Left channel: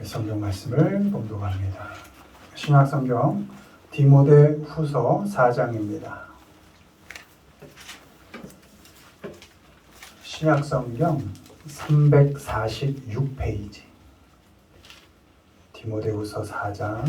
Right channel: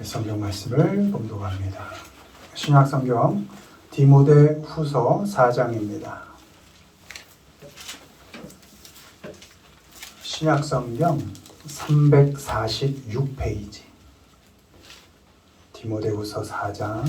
성경 말씀을 봉독합니다. 신약 성경 디모데 후서 4장입니다. 신약 성경 346페이지 디모데 후서 4장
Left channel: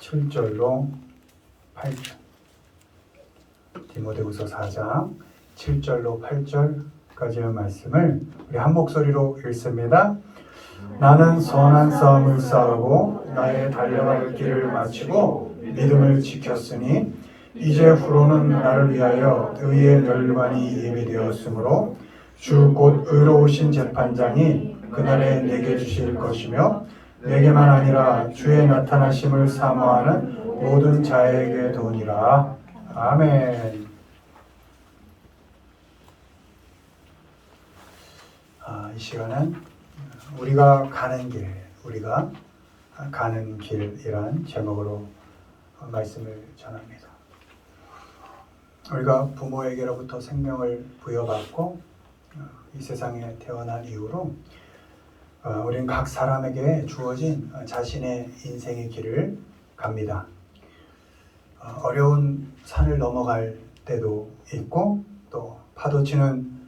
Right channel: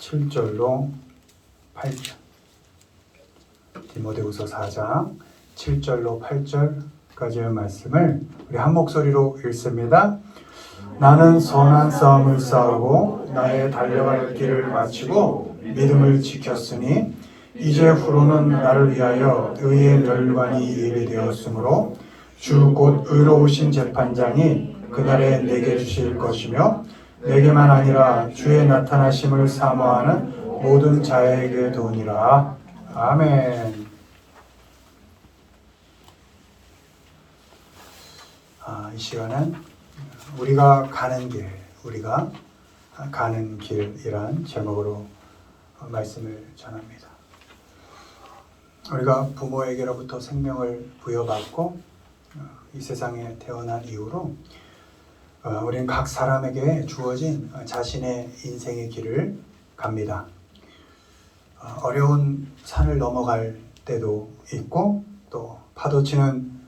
7절로 8절 디모데 후서 4장 7절로 8절까지의 말씀을 우리 한 목소리로 읽습니다. 나는 선한 싸움을 싸우고 나의 달려갈 길을 마치고 믿음을 지켰으니 이제 후로는 나를 위하여 의의 멸관이 예비되었으므로 주 곧 의로우신 재판장이 그날에 내게 주실 것이며 내게만 아니라 주의 나타나심을 사모하는 모든 자에게 도니라. 아멘. 이 시간은 우리가 가는 길이란 제목으로 말씀을 전합니다. 우리가 부모에게로부터 생명을 부여받고 이 세상에 태어난 이후로 우리는 각 사람에게 주어진 자신의 인생의 길을 갑니다. 어려운 산을 넘어갈 때도 있고 또 파도치는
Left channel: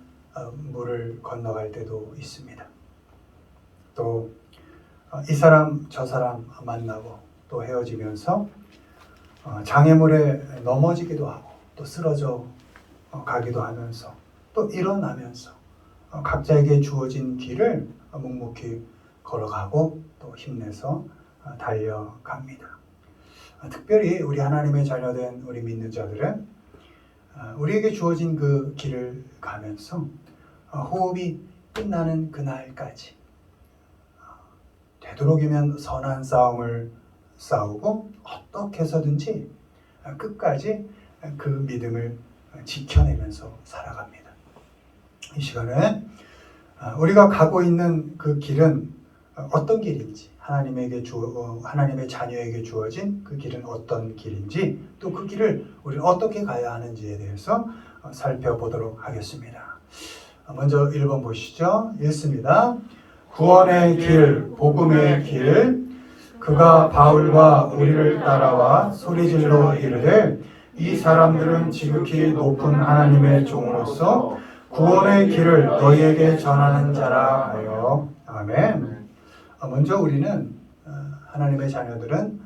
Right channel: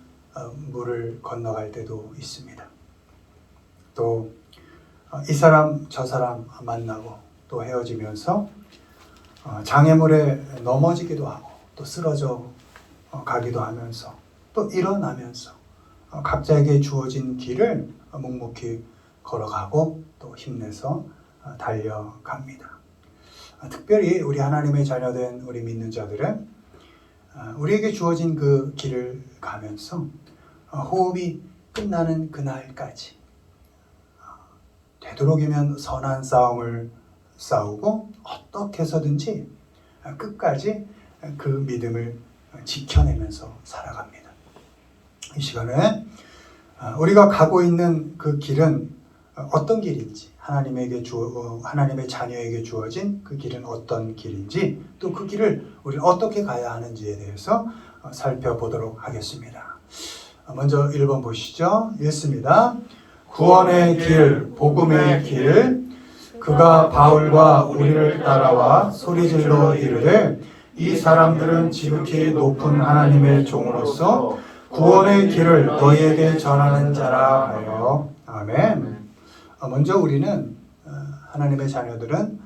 물을 건너갈 때도 있습니다. 또 이 사람 저 사람 만나고 또 헤어지면서 장애물에 넘어지기도 하고 또 쓰러져 가기도 하면서 또 일어나면서 각자에게 주어진 길을 묵묵히 걸어가고 또 힘내서 달려갑니다. 특별히 우리 하나님의 자녀된 우리 믿는 자들은 우리에게 주어진 그 길을 가면서 호흡이 끝나는 그날까지 되도록이면 선한 싸움을 싸우고 어떻게 해서든지 끝까지 그 믿음을 지켜내면서 살아갑니다. 이 시간에 우리가 가고 있는 그 길은 어떤 길인지, 하나님의 자녀에게 주어진 그 길은 어떤 길인지, 또 그 길을 우리는 어떻게 가야 하는지에 대해서 살펴보도록 하겠습니다. 먼저 1번 보시죠. 읽습니다. 구원의 길, 복음의 길, 그가 바울과 우리를 따라와 소리질러 이르되 이 사람들은 지극히 높은 하나님의 종으로서 구원의 길을 너희에게 전하는 자라 하여. 아멘. 먼저 우리는 하나님의 자녀들은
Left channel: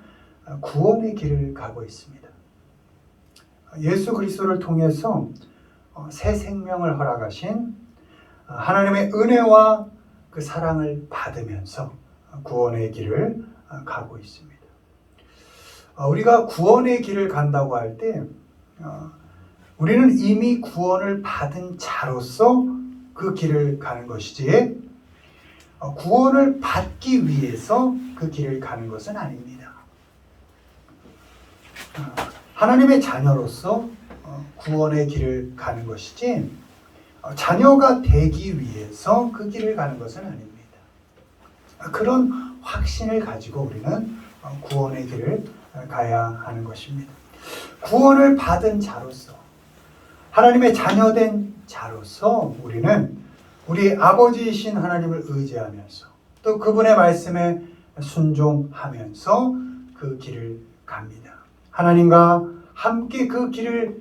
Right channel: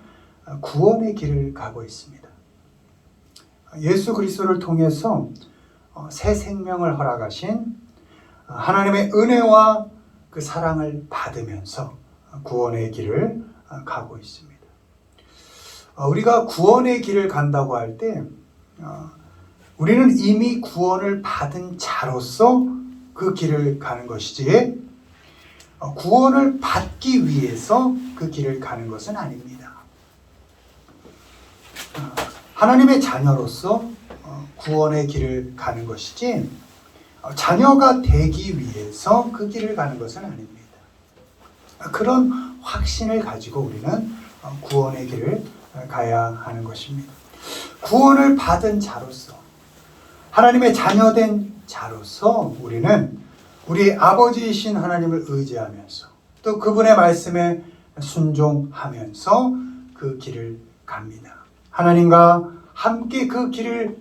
구원의 길을 가고 있습니다. 예수 그리스도를 통해서 새 생명을 허락하신 하나님의 은혜와 그 사랑을 받으면서 구원의 길을 가고 있습니다. 우리가 구원의 길을 간다고 할 때 우리는 이미 구원을 받은 자로서 그 길을 가는 것이지 구원을 받기 위해서 그 길을 가는 것은 아닙니다. 하나님의 자녀로서 구원의 길을 가는 것이지 자녀가 되기 위해서 그 길을 가는 것은 아닙니다. 그런 확신을 가지고 우리는 구원의 길을 가야 하는 것입니다. 구원을 받은 자로서, 하나님의 자녀된 자로서 우리는 우리 아버지이신 하나님을 의지하면서 또 그분의 말씀에 순종하면서 그 길을 갑니다. 하나님과 함께 그 길을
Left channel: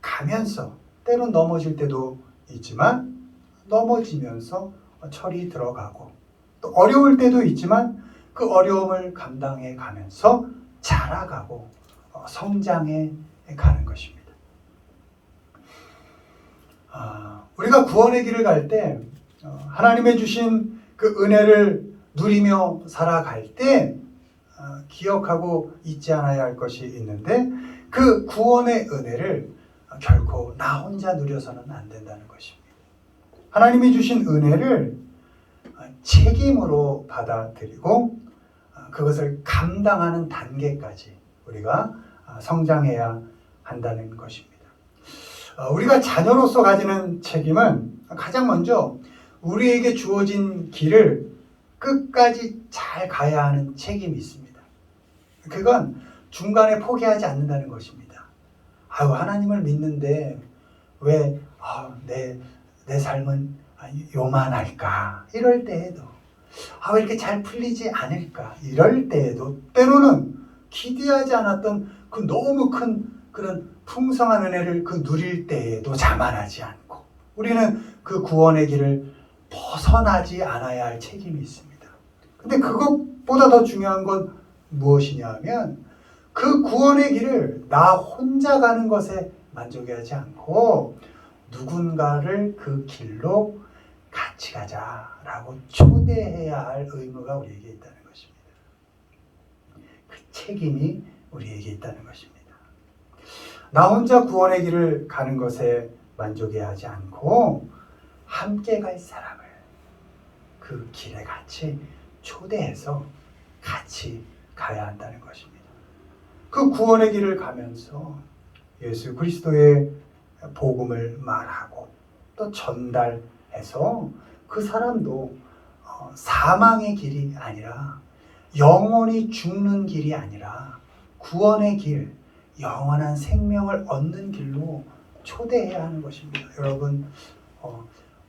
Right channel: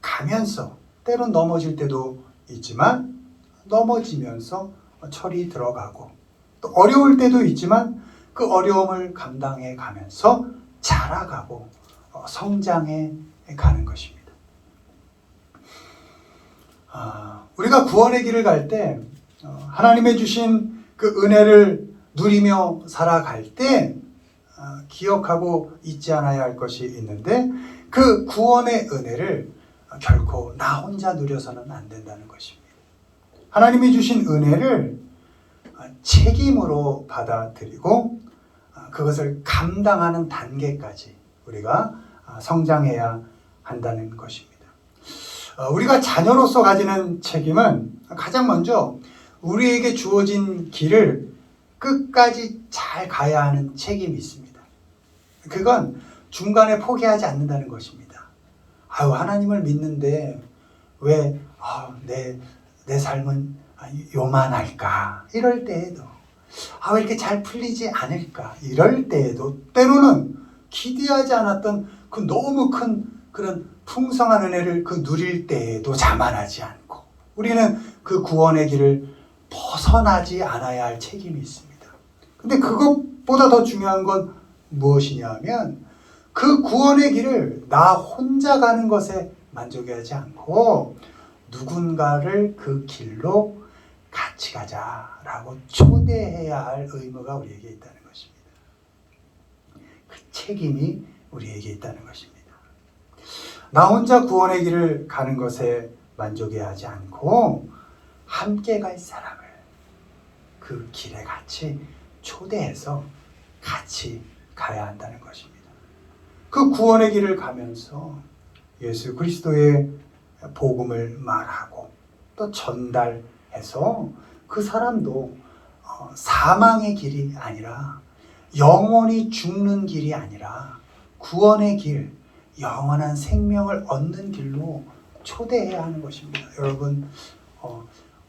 가면서 때론 넘어질 때도 있지만 넘어지면서 철이 들어가고 또 어려울 때도 있지만 그 어려움을 감당해 가면서 자라가고 성장해 가는 것입니다. 우리가 구원의 길을 갈 때 하나님의 주신 그 은혜를 누리며 살아갈 때 기억하고 잊지 않아야 할 것이 있는데 그 구원의 은혜를 결코 나 혼자 누려서는 안 된다는 것입니다. 하나님이 주신 은혜를 책임으로 받아들이고 그것을 감당하는 단계까지 우리가 성장해야 한다는 것입니다. 우리가 자녀로서 가지는 책임은 가장 먼저 우리에게 주어진 길을 끝까지 잘 가야 하는 책임이 있습니다. 그건 중간에 포기하지 않는다는 것입니다. 하나님을 믿는데 왜 내 삶은 요만할까? 이럴 때에도 왜 이렇게 잘 풀리지 않을까? 이럴 때에도 때로는 기대하지 않았던 그 너무 큰 그런 풍성한 은혜를 누릴 때에도 자만하지 않고 우리는 그 구원의 길을 벗어나지 않아야 할 책임이 있습니다. 근데 그것보다 더 중요한 건 무엇이냐면 그 구원의 길을 나 혼자 가는 것에 만족하지 않고 누군가를 그 길로 같이 가자라고 초대해야 할 의무가 우리에게 있다는 것입니다. 그 책임이 우리에게 있다는 것입니다. 나 혼자 구원의 길을 가는 것에 만족해야 하지 않고 함께 갈 사람을 그 길에 같이 초대해서 같이 가야 한다는 것입니다. 그 구원의 길을 가면서 예수 그리스도의 복음을 말하고 또 전달해서 그 사람도 사망의 길이 아니라 영원히 죽는 길이 아니라 구원의 길, 영원한 생명을 얻는 길로 초대해야 하는 것입니다. 여러분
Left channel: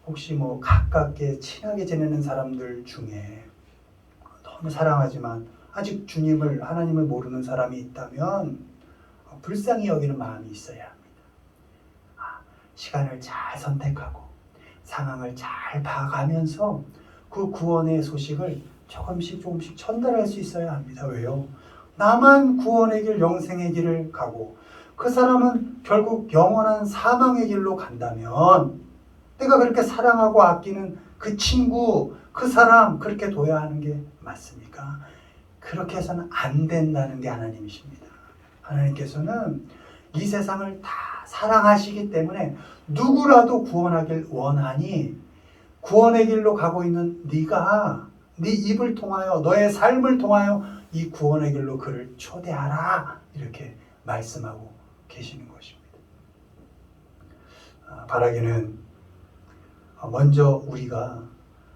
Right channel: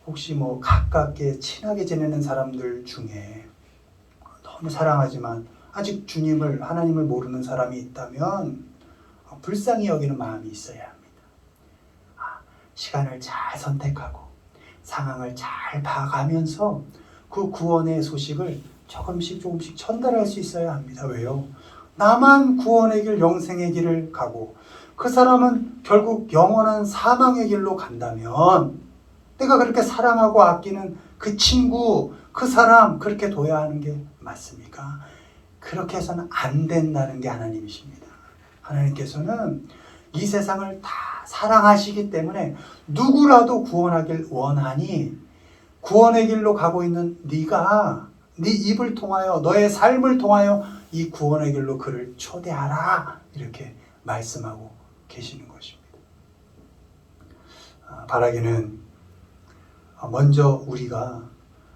혹시 가깝게 친하게 지내는 사람들 중에 너무 사랑하지만 아직 하나님을 모르는 사람이 있다면 불쌍히 여기는 마음이 있어야 합니다. 시간을 잘 선택하고 상황을 잘 봐가면서 그 구원의 소식을 조금씩 전달할 수 있어야 합니다. 왜요? 나만 구원의 길, 영생의 길을 가고 그 사람은 결국 영원한 사망의 길로 간다면 내가 그렇게 사랑하고 아끼는 그 친구, 그 사람 그렇게 둬야 하는 게 맞습니까? 그렇게 해서는 안 된다는 게 하나님이십니다. 하나님께서는 이 세상을 다 사랑하시기 때문에 누구라도 구원하길 원하니 구원의 길로 가고 있는 네가 네 입을 통하여 너의 삶을 통하여 이 구원의 길로 그를 초대하라 이렇게 말씀하고 계시는 것입니다. 바라기는 먼저 우리가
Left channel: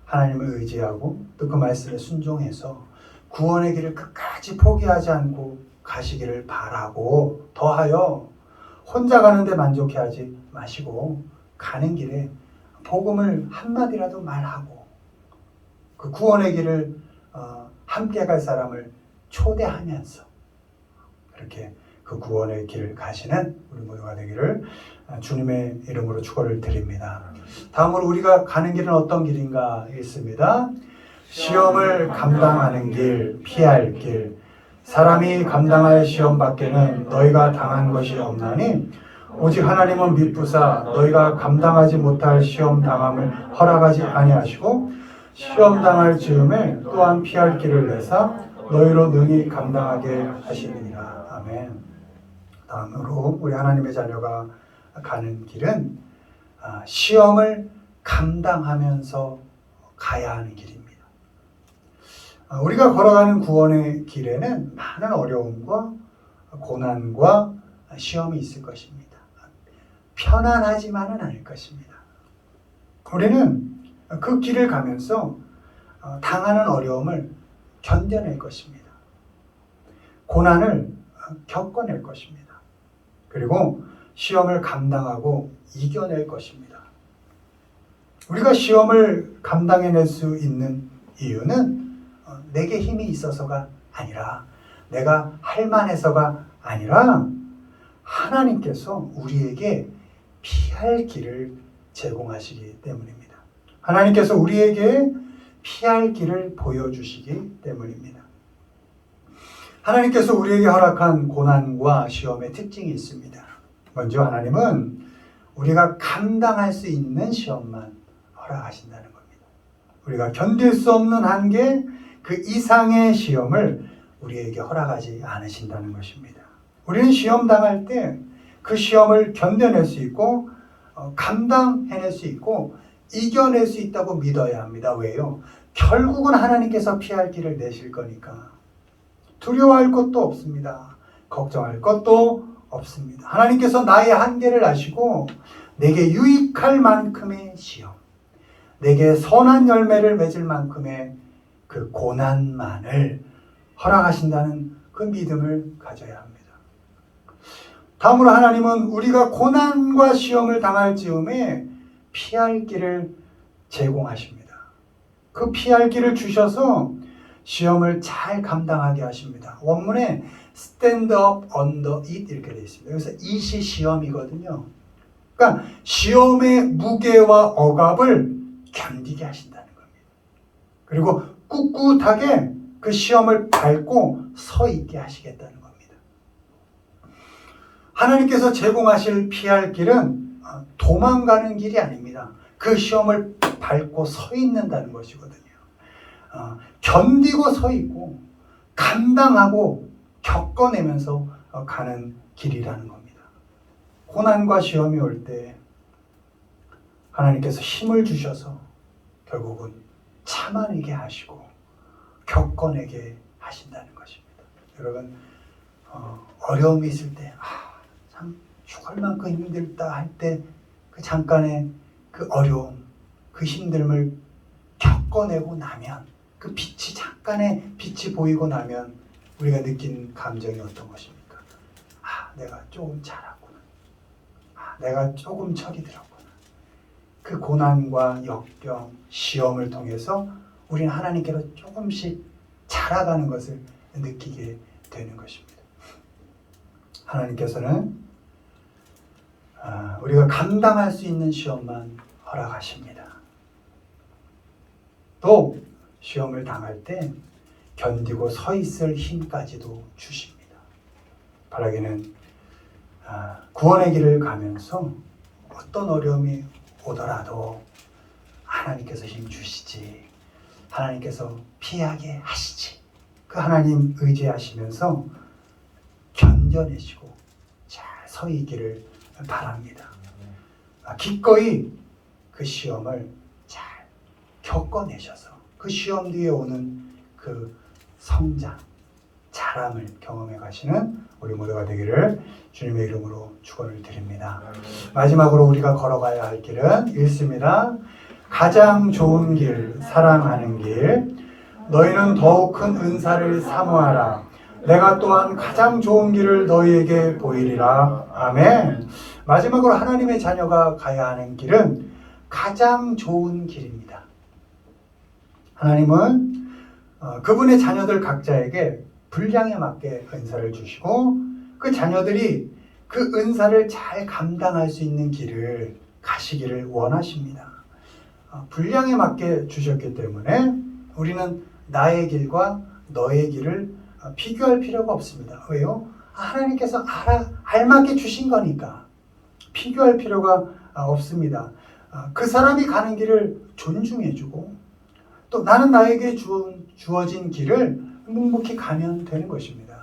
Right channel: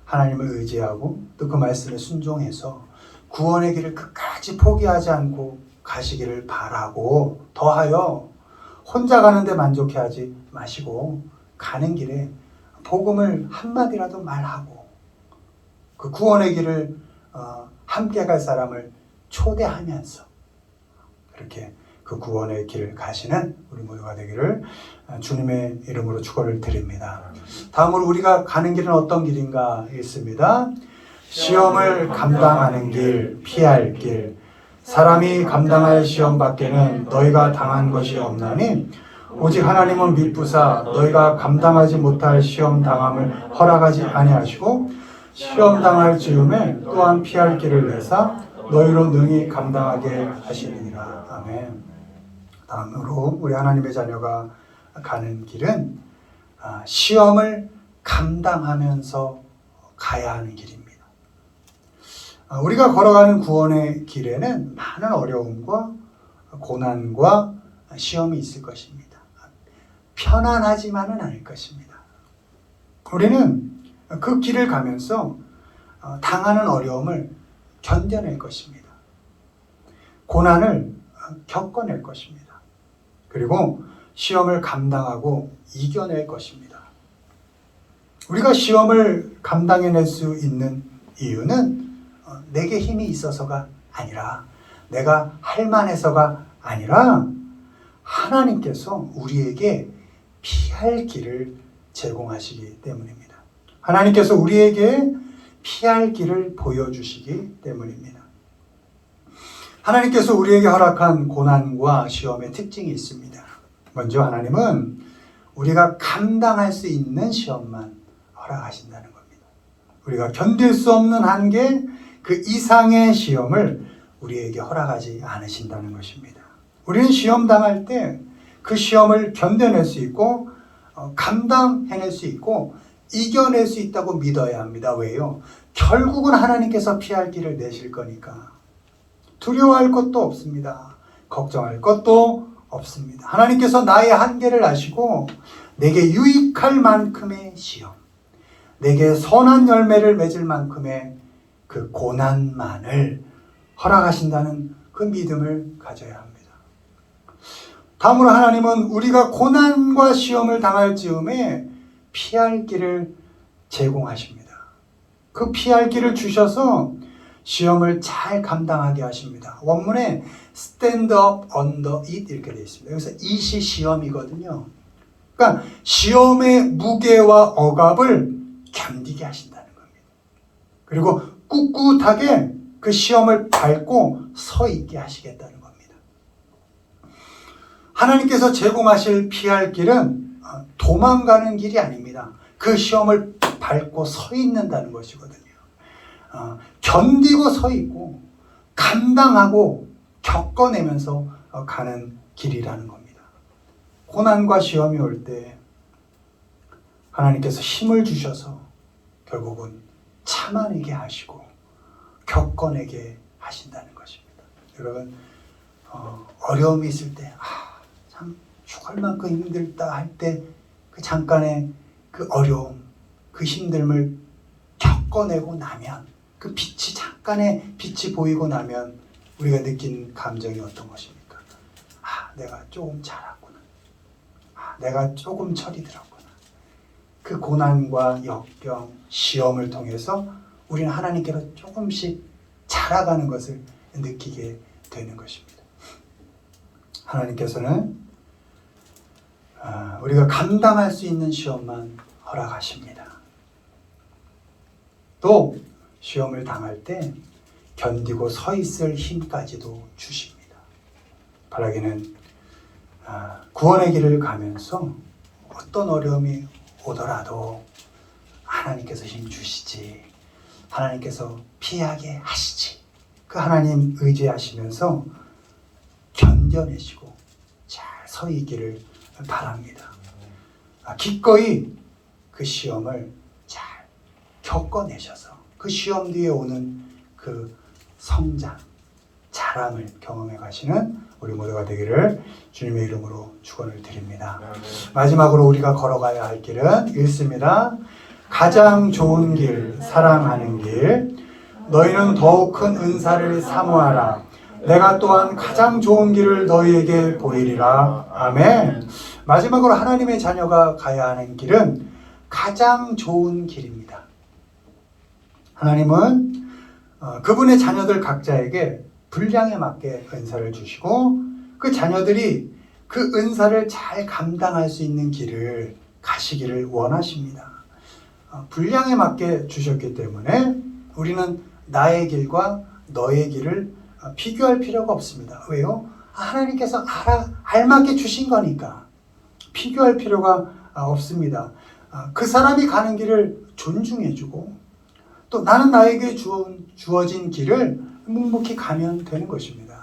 하나님을 의지하고 또 그 말씀에 순종해서 구원의 길을 끝까지 포기하지 않고 가시기를 바라고 더하여 혼자 가는데 만족해하지 마시고 가는 길에 복음을 한마디라도 말하고 그 구원의 길을 함께 갈 사람을 초대하면서 그렇게 그 구원의 길을 가시는 우리 모두가 되기를 주님의 이름으로 축원을 드립니다. 다음으로 우리가 가는 길은 어떤 길인가 있습니다. 시험을 감당하는 길, 피할 길. 사람이 감당할 시험 밖에는 너희가 당한 것이 없나니 오직 하나님은 미쁘사 너희가 감당하지 못할 시험 당함을 허락하지 아니하시고 시험 당할 즈음에 또한 피할 길을 내사 너희로 능히 감당하게 하시느니라. 아멘. 다음으로 우리 하나님의 자녀가 가는 길은 시험을 감당하면서 가야 하는 길입니다. 우리가 걸어가는 구원의 길에는 많은 어려움과 고난과 시험이 있을 것입니다. 편안하지만은 않을 것입니다. 우리는 그 길을 가면서 당하는 어려움을 견뎌낼 것입니다. 고난을 겪어낼 것입니다. 그리고 시험을 감당하고 이겨낼 것입니다. 우리가 시험을 감당해낼 수 있는 이유는 내게 힘이 있어서가 아니라 내가 할 만해서가 아니라 하나님께서 우리에게 피할 길을 제공하시기 때문입니다. 하나님께서 우리에게 피할 길을 보여주시기 때문입니다. 하나님께서 우리에게 허락한 고난과 시험의 특징이 있습니다. 먼저 하나님은 우리가 감당할 수 있는 시험만 허락하신다는 겁니다. 우리가 견딜 수 없는 한계 그 이상의 시험을 우리에게 허락하지 않으신다는 것입니다. 우리는 시험 당할 때 그 시험을 견뎌낼 수 있고 감당해낼 수 있고 이겨낼 수 있다고 믿어야 합니다. 왜요? 결국은 하나님께서 피할 길을 내실 거니까 두려워할 것도 없습니다. 걱정할 것도 없습니다. 하나님께서 나의 한계를 아시고 내게 유익할 만큼의 시험, 내게 선한 열매를 맺을 만큼의 그 고난만을 허락하신다는 그 믿음을 가져야 합니다. 다음으로 하나님은 우리가 고난과 시험을 당할 즈음에 피할 길을 제공하십니다. 그 피할 길을 주셔서 시험을 잘 감당하게 하십니다. 원문에 stand up under it 이렇게 되어 있습니다. 여기서 it이 시험이거든요. 그러니까 시험의 무게와 억압을 견디게 하신다는 겁니다. 그리고 꿋꿋하게 그 시험을 밟고 서 있게 하시겠다는 겁니다. 하나님께서 제공하실 피할 길은 도망가는 길이 아닙니다. 그 시험을 밟고 서 있는다는 것이거든요. 견디고 서 있고 감당하고 겪어내면서 가는 길이라는 겁니다. 고난과 시험이 올 때 하나님께서 힘을 주셔서 결국은 참아내게 하시고 겪어내게 하신다는 것입니다. 여러분 어려움이 있을 때 참 죽을 만큼 힘들다 할 때 그 잠깐의 그 어려움, 그 힘듦을 겪어내고 나면 그 빛이 잠깐의 빛이 보이고 나면 우리가 느낀 감정이 어떤 것입니까? 내가 조금 잘했구나. 내가 조금 철이 들었구나. 그 고난과 역경, 시험을 통해서 우리는 하나님께로 조금씩 자라가는 것을 느끼게 되는 것입니다. 하나님께서는 우리가 감당할 수 있는 시험만 허락하십니다. 또 시험을 당할 때 견디고 서 있을 힘까지도 주십니다. 바라기는 구원의 길을 가면서 어떤 어려움이 오더라도 하나님께서 힘 주시지, 하나님께서 피하게 하시지, 그 하나님 의지하시면서 견뎌내시고 잘 서 있기를 바랍니다. 기꺼이 그 시험을 잘 겪어내셔서 그 시험 뒤에 오는 그 성장, 자람을 경험해 가시는 우리 모두가 되기를 주님의 이름으로 축원을 드립니다. 마지막으로 우리가 걸어가야 할 길은 읽습니다. 가장 좋은 길, 사랑하는 길. 너희는 더욱 큰 은사를 사모하라. 내가 또한 가장 좋은 길을 너희에게 보이리라. 아멘. 마지막으로 하나님의 자녀가 가야 하는 길은 가장 좋은 길입니다. 하나님은 그분의 자녀들 각자에게 분량에 맞게 은사를 주시고 그 자녀들이 그 은사를 잘 감당할 수 있는 길을 가시기를 원하십니다. 분량에 맞게 주셨기 때문에 우리는 나의 길과 너의 길을 비교할 필요가 없습니다. 왜요? 하나님께서 알맞게 주신 거니까 비교할 필요가 없습니다. 그 사람이 가는 길을 존중해주고 또 나는 나에게 주어진 길을 묵묵히 가면 되는 것입니다.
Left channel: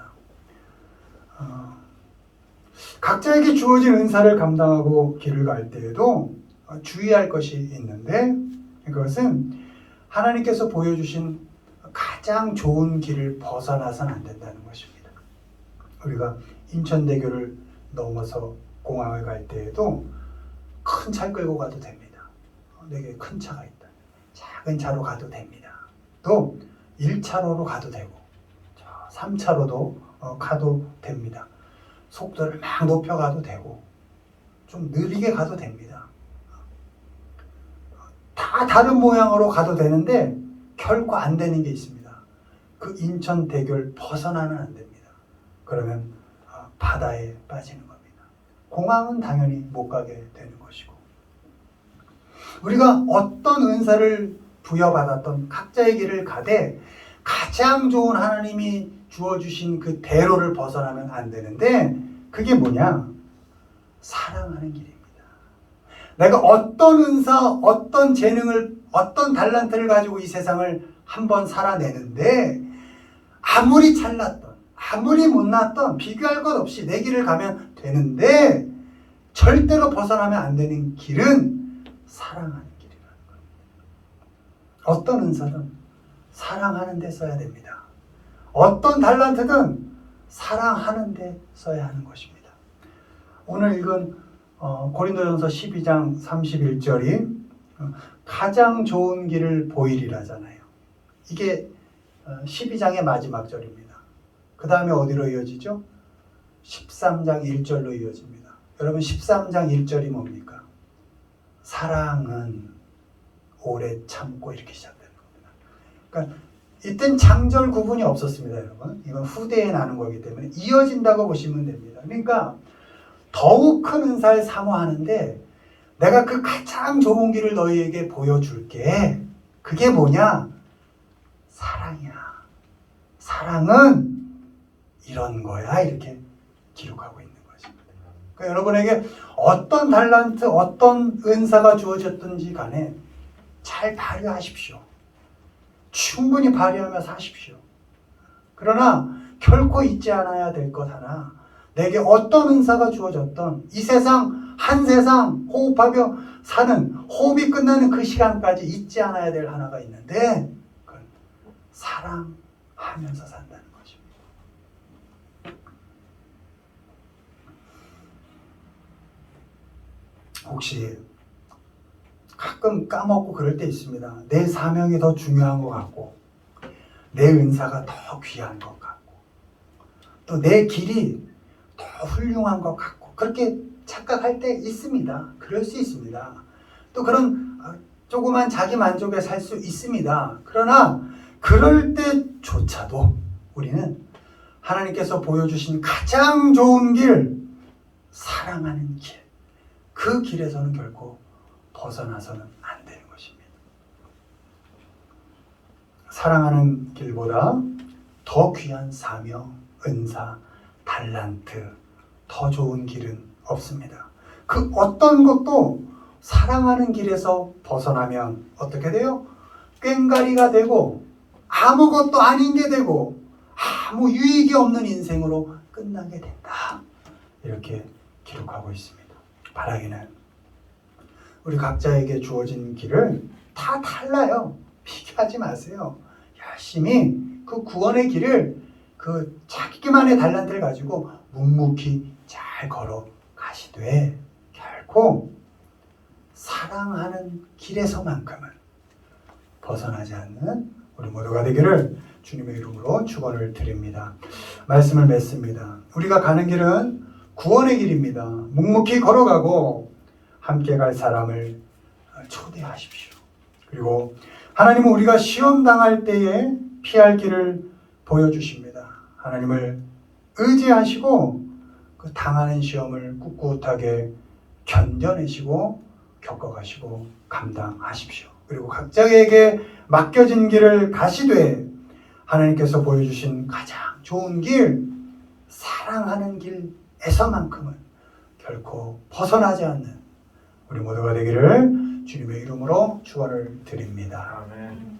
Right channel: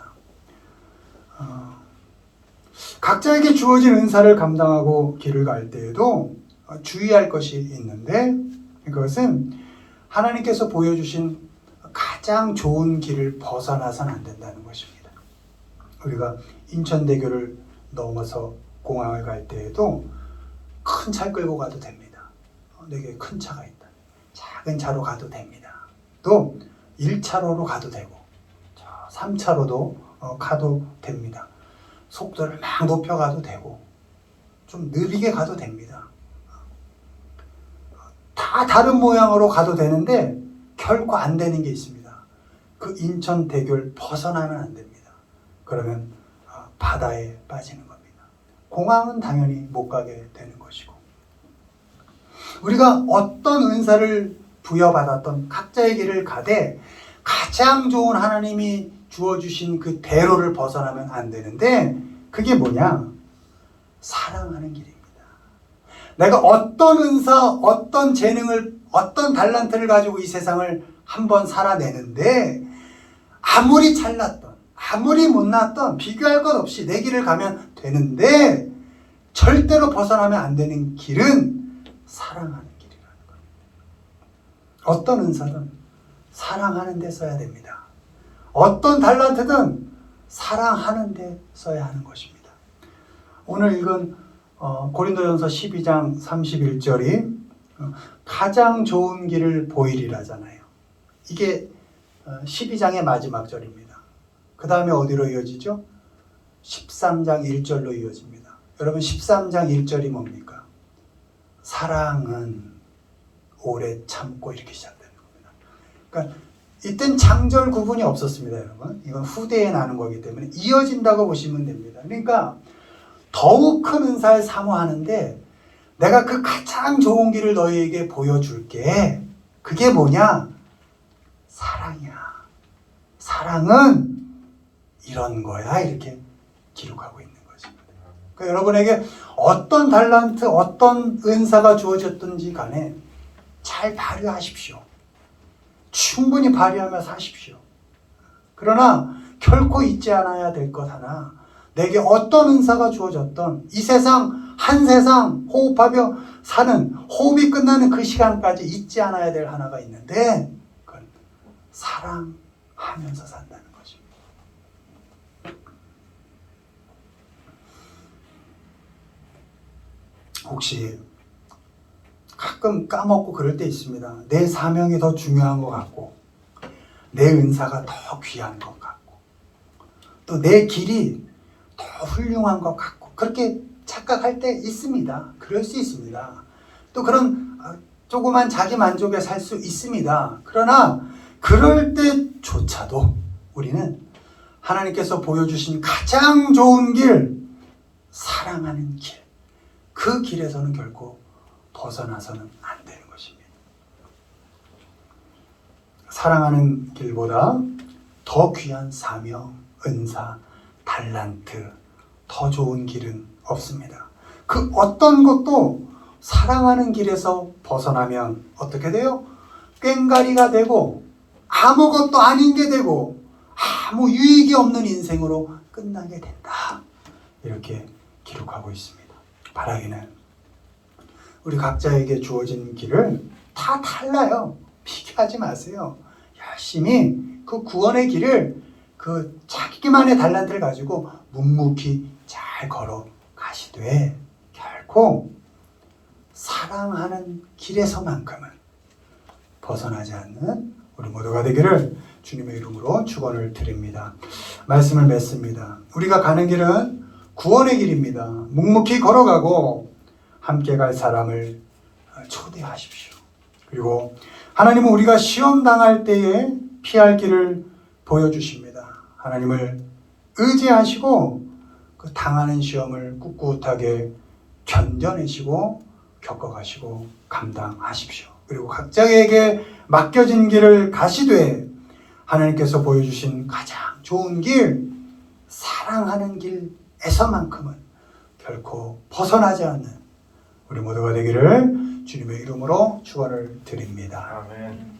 각자에게 주어진 은사를 감당하고 길을 갈 때에도 주의할 것이 있는데 그것은 하나님께서 보여주신 가장 좋은 길을 벗어나서는 안 된다는 것입니다. 우리가 인천대교를 넘어서 공항을 갈 때에도 큰 차 끌고 가도 됩니다. 내게 큰 차가 있다. 작은 차로 가도 됩니다. 또 1차로로 가도 되고 3차로도 가도 됩니다. 속도를 막 높여가도 되고 좀 느리게 가도 됩니다. 다 다른 모양으로 가도 되는데 결코 안 되는 게 있습니다. 그 인천대교를 벗어나면 안 됩니다. 그러면 바다에 빠지는 겁니다. 공항은 당연히 못 가게 되는 것이고 우리가 어떤 은사를 부여받았던 각자의 길을 가되 가장 좋은 하나님이 주어주신 그 대로를 벗어나면 안 되는데 그게 뭐냐? 사랑하는 길입니다. 내가 어떤 은사, 어떤 재능을, 어떤 달란트를 가지고 이 세상을 한번 살아내는데 아무리 잘났던, 아무리 못났던 비교할 것 없이 내 길을 가면 되는데 절대로 벗어나면 안 되는 길은 사랑하는 길이라는 겁니다. 어떤 은사든 사랑하는 데 써야 됩니다. 어떤 달란트든 사랑하는 데 써야 하는 것입니다. 오늘 읽은 고린도전서 12장 31절이 가장 좋은 길을 보이리라잖아요. 이게 12장의 마지막 절입니다. 그 다음에 어디로 이어지죠? 13장 1절로 이어집니다. 여러분 13장 1절이 뭡니까? 사랑은 오래 참고 이렇게 시작되는 겁니다. 그러니까 이땐 장절 구분이 없었습니다, 여러분. 이건 후대에 나는 거기 때문에 이어진다고 보시면 됩니다. 그러니까 더욱 큰 은사를 사모하는데 내가 그 가장 좋은 길을 너희에게 보여줄게. 그게 뭐냐? 사랑이야. 사랑은 이런 거야. 이렇게 기록하고 있는 것입니다. 그러니까 여러분에게 어떤 달란트, 어떤 은사가 주어졌든지 간에 잘 발휘하십시오. 충분히 발휘하면서 하십시오. 그러나 결코 잊지 않아야 될 것 하나, 내게 어떤 은사가 주어졌던 이 세상, 한 세상 호흡하며 사는, 호흡이 끝나는 그 시간까지 잊지 않아야 될 하나가 있는데 그건 사랑하면서 산다는 것입니다. 혹시 가끔 까먹고 그럴 때 있습니다. 내 사명이 더 중요한 것 같고 내 은사가 더 귀한 것 같고 또 내 길이 더 훌륭한 것 같고 그렇게 착각할 때 있습니다. 그럴 수 있습니다. 또 그런 조그만 자기 만족에 살 수 있습니다. 그러나 그럴 때조차도 우리는 하나님께서 보여주신 가장 좋은 길, 사랑하는 길, 그 길에서는 결코 벗어나서는 안 되는 것입니다. 사랑하는 길보다 더 귀한 사명, 은사, 달란트, 더 좋은 길은 없습니다. 그 어떤 것도 사랑하는 길에서 벗어나면 어떻게 돼요? 꽹가리가 되고 아무것도 아닌 게 되고 아무 유익이 없는 인생으로 끝나게 된다. 이렇게 기록하고 있습니다. 바라기는 우리 각자에게 주어진 길을 다 달라요. 비교하지 마세요. 열심히 그 구원의 길을 그 자기만의 달란트를 가지고 묵묵히 잘 걸어가시되 결코 사랑하는 길에서만큼은 벗어나지 않는 우리 모두가 되기를 주님의 이름으로 축원을 드립니다. 말씀을 맺습니다. 우리가 가는 길은 구원의 길입니다. 묵묵히 걸어가고 함께 갈 사람을 초대하십시오. 그리고 하나님은 우리가 시험 당할 때에 피할 길을 보여주십니다. 하나님을 의지하시고 그 당하는 시험을 꿋꿋하게 견뎌내시고 겪어가시고 감당하십시오. 그리고 각자에게 맡겨진 길을 가시되 하나님께서 보여주신 가장 좋은 길, 사랑하는 길에서만큼은 결코 벗어나지 않는 우리 모두가 되기를 주님의 이름으로 축원을 드립니다. 아멘.